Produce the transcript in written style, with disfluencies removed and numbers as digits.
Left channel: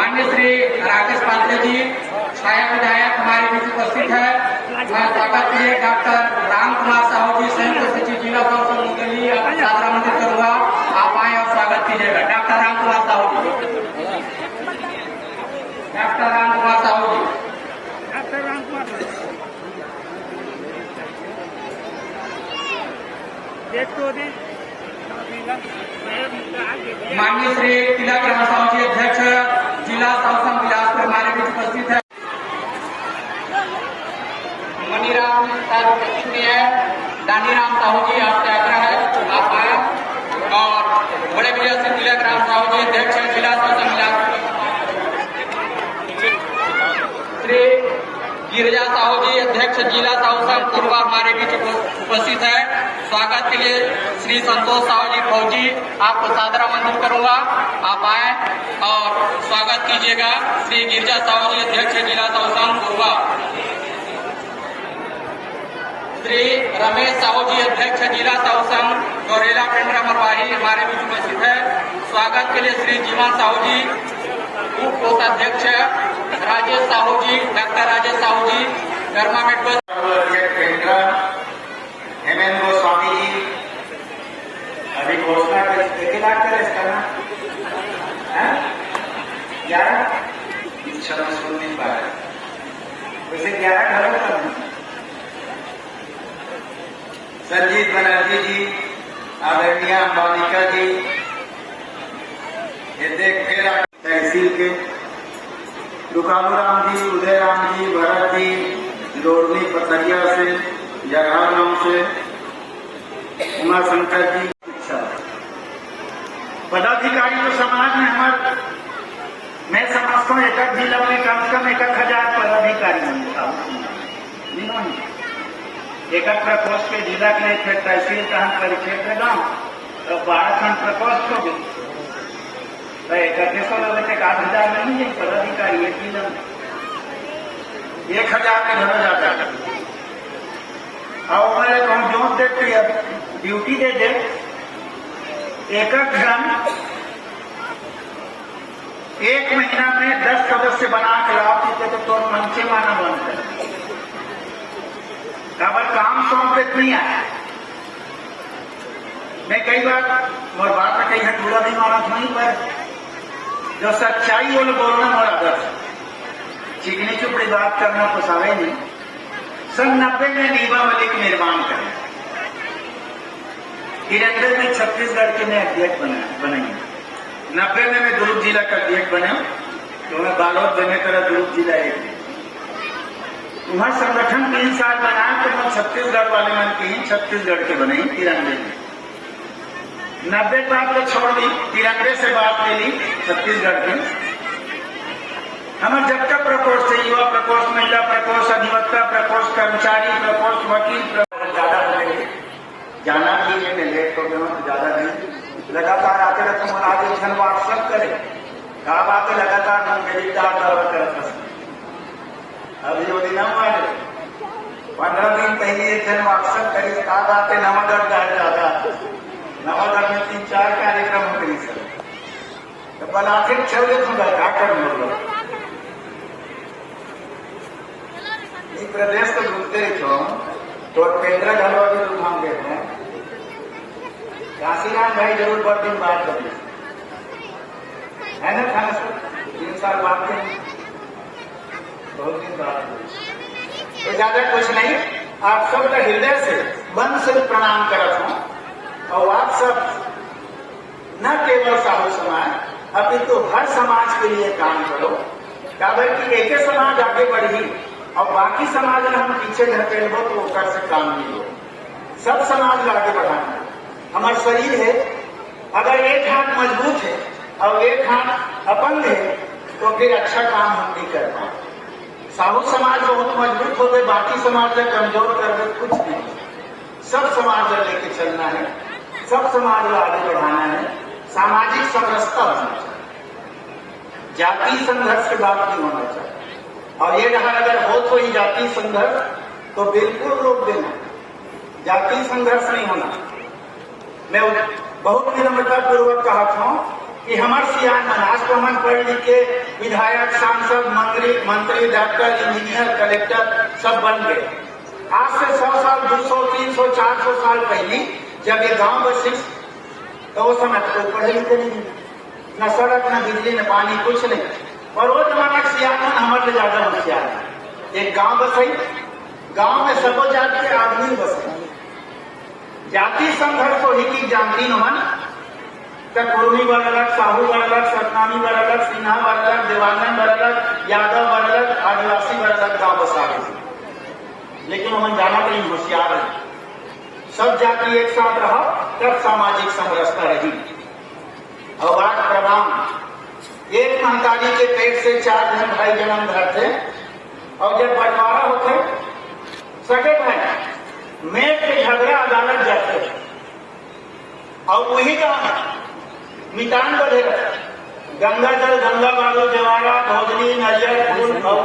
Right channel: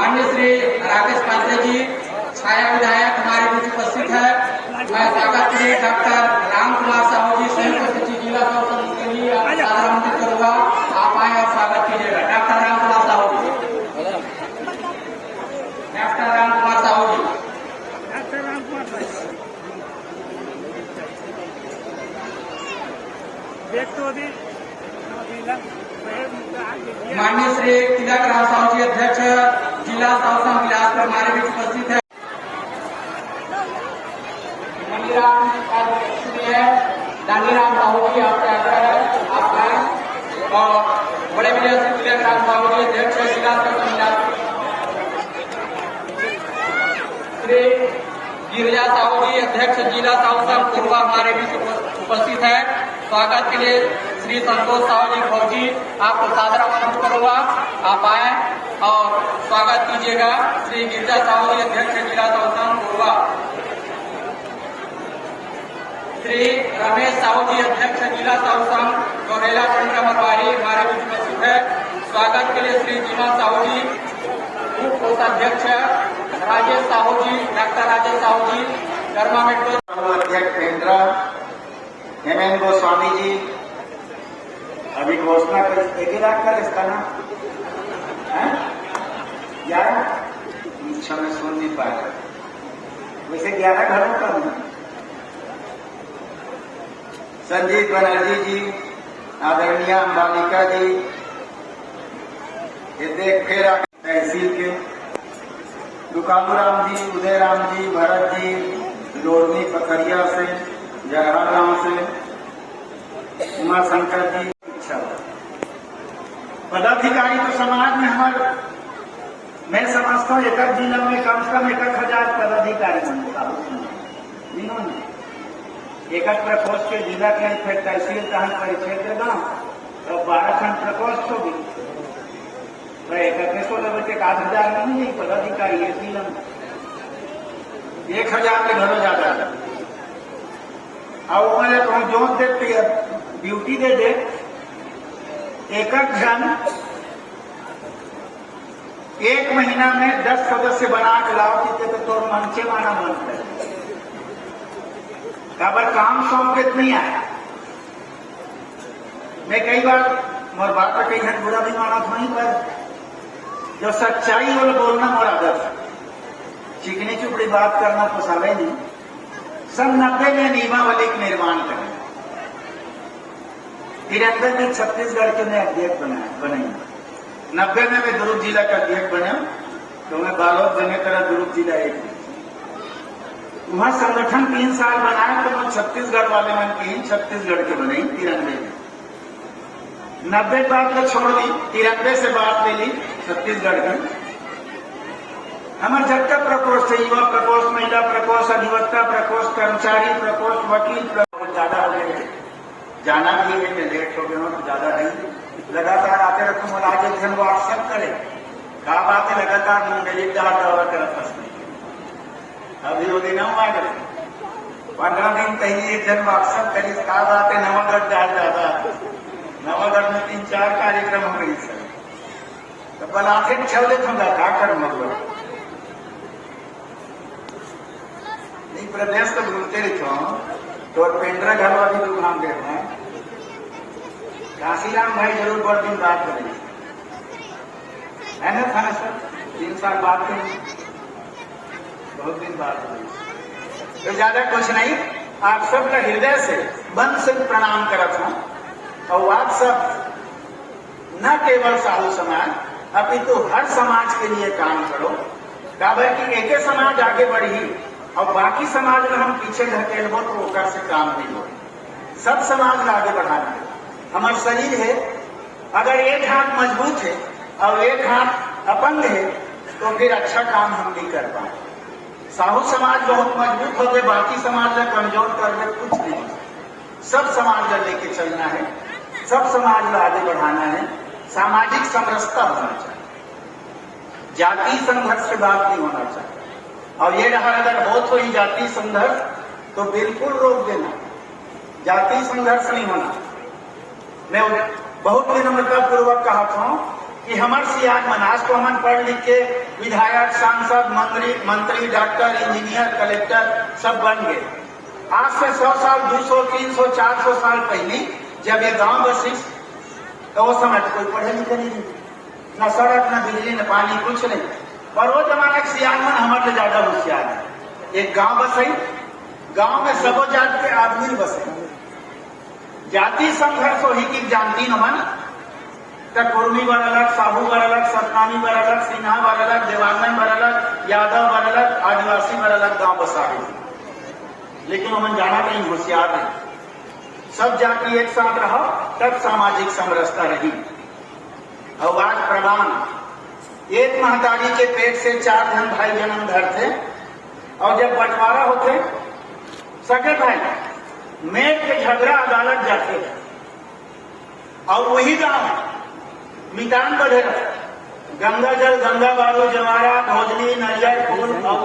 माननीय श्री राकेश पांडे जी छाया विधायक हमारे बीच उपस्थित है। मैं स्वागत के लिए डॉक्टर राम कुमार साहू जी संयुक्त सचिव जिला प्रशासन के लिए आमंत्रित करूंगा। आप आए और स्वागत कीजिएगा। डॉक्टर राम कुमार साहू जी। डॉक्टर राम कुमार साहू जी। माननीय श्री तिलक राम साहू जी अध्यक्ष जिला शासन बिलासपुर हमारे बीच उपस्थित है। मनीराम दानीराम साहू जी आपसे आग्रह है आप आए और बड़े बड़े श्री तिलक राम साहू जी अध्यक्ष जिला शासन बिलासपुर, श्री गिरिजा साहू जी अध्यक्ष जिला शासन पूर्वा हमारे बीच उपस्थित है। स्वागत के लिए श्री संतोष साहू जी फौजी आपको सादर आमंत्रित करूंगा। आप आए और स्वागत कीजिएगा। श्री गिरिजा साहू जी अध्यक्ष जिला शासन पूर्वा, श्री रमेश साहू जी अध्यक्ष जिला शासन गौरेला पेंड्रा मरवाही हमारे बीच उपस्थित है। स्वागत के लिए श्री जीवा साहू जी उप कोषाध्यक्ष, राजेश साहू जी डॉक्टर राजेश साहू जी गर्मा मेट्रो पेंड्रा, एम गोस्वामी जी अभी घोषणा कर 1 लाख का इसका ना 11 सुन नहीं पाया उसे 11 घरों का संजीव बनर्जी जी, आदरणीय अंबालिका जी, तहसील के रुकालू राम जी, उदय राम जी, भरत जी, जोड़नी पथरिया से, जगह गांव से, उमा शंकर जी, पदाधिकारी तो समाज में हमारे, मैं समझता हूँ एक जिला में कम से कम 1000 पदाधिकारी होंगे। एक प्रकोष्ठ के जिला के थे तहसील का परिक्षेत्र गांव तो 12 खंड प्रकोष्ठ को भी तो 1000 में नहीं पदाधिकारी एक जिला में 1000 में घर जाता है। अब मैंने तो जो देखती है ड्यूटी दे दे एक जन 1 महीना में 10 सदस्य बना के लाओ तो मन से माना बनता है। अब काम सौंपित नहीं आया। मैं कई बार मोर बाप पे कई पूरा नहीं माना था, नहीं पर जो सच्चाई वाले बोलना मोड़ा आदत चिकनी चुपड़ी बात करना तो समय नहीं। सन 90 में नियमावली का निर्माण करें, 93 में छत्तीसगढ़ के मैं अध्यक्ष बनाई, 90 में मैं दुर्ग जिला का अध्यक्ष बना तो मैं बालोद बने तरह दुर्ग जिला एक वहाँ संगठन 3 साल बनाया तो मैं छत्तीसगढ़ वाले मन की छत्तीसगढ़ के बने 93 में। 90 बात तो छोड़ दी, 93 से बात ले ली छत्तीसगढ़ के। हमारे जब तक प्रकोष्ठ है युवा प्रकोष्ठ, महिला प्रकोष्ठ, अधिवक्ता प्रकोष्ठ, कर्मचारी प्रकोष्ठ, वकील प्रकोष्ठ ज्यादा हो गए। जाना भी है मैं लेट कर दूंगा तो ज्यादा नहीं, लगातार आते रहते महाराज हम व्हाट्सअप करे कहा बातें लगातार मेरी तरफ अभी रोजीना मारे 15 दिन पहले एक जन व्हाट्सअप करी कहा बातें नवागढ़ जाता नवागढ़ में 3-4 कार्यक्रम करी तो बनाते छवले थोड़ा घाटर मतलब प्रदेश को बोलते रहे तो पेंद्रा घनवा भी लोग नाम देते हैं। काशीराम भाई जरूर बहुत दिन बात करिए है ना था सर 3 साल बाद में बहुत दिन बाद तो ज्यादा कुछ नहीं। आप सबका हृदय से मन से प्रणाम करता हूं और आप सब न केवल साहू समाज अपितु हर समाज के लिए काम करो कि एक ही समाज आगे बढ़ी और बाकी समाज में हम पीछे ढके हो तो कर से काम नहीं हो। सब समाज को आगे बढ़ाना हमारा शरीर है, अगर एक हाथ मजबूत है और एक हाथ अपंग है तो फिर अच्छा काम हम नहीं कर पाए। साहू समाज बहुत मजबूत हो गए, बाकी समाज में कमजोर कर दे कुछ नहीं। सब समाज में लेके चलना है, सब समाज को आगे बढ़ाना है, सामाजिक समरसता होना चाहिए, जाति संघर्ष की बात नहीं होना चाहिए। और ये रहा अगर हो तो ही जाति संघर्ष तो बिल्कुल रोक देना, जाति संघर्ष नहीं होना। मैं बहुत विनम्रता पूर्वक कहा था कि हमार सियान मन आज तो हम पढ़ लिख के विधायक, सांसद, मंत्री, डॉक्टर, इंजीनियर, कलेक्टर सब बन गए। आज से 100 साल, 200, 300, 400 साल पहले जब ये गांव बसिस तो वो समय तो पढ़े लिखे नहीं, न सड़क, न बिजली, न पानी, कुछ नहीं। और वो जमाना के सियान मन हमारे ज्यादा होशियार है। एक गांव बसई, गांव में सब जात के आदमी बसे। जाति संघर्ष हो ही की जानती न मन कुर्मी बर अलग, साहू बर अलग, सतनामी बर अलग, सिन्हा बर अलग, देवांगन बर अलग, यादव बर अलग, आदिवासी बर अलग गांव बसा गए। लेकिन हम जाना कहीं होशियार है। सब जाति एक साथ रहो तब सामाजिक समरसता रही। और बात प्रमाण, एक महतारी के पेट से 4 जन भाई जन्म धरते और जब बंटवारा होते सगे भाई मेट के झगड़ा अदालत जाते और वही गांव मिटान बढ़े गंगा जल, गंगा बालू, जवारा, भोजनी, नरियल, फूल और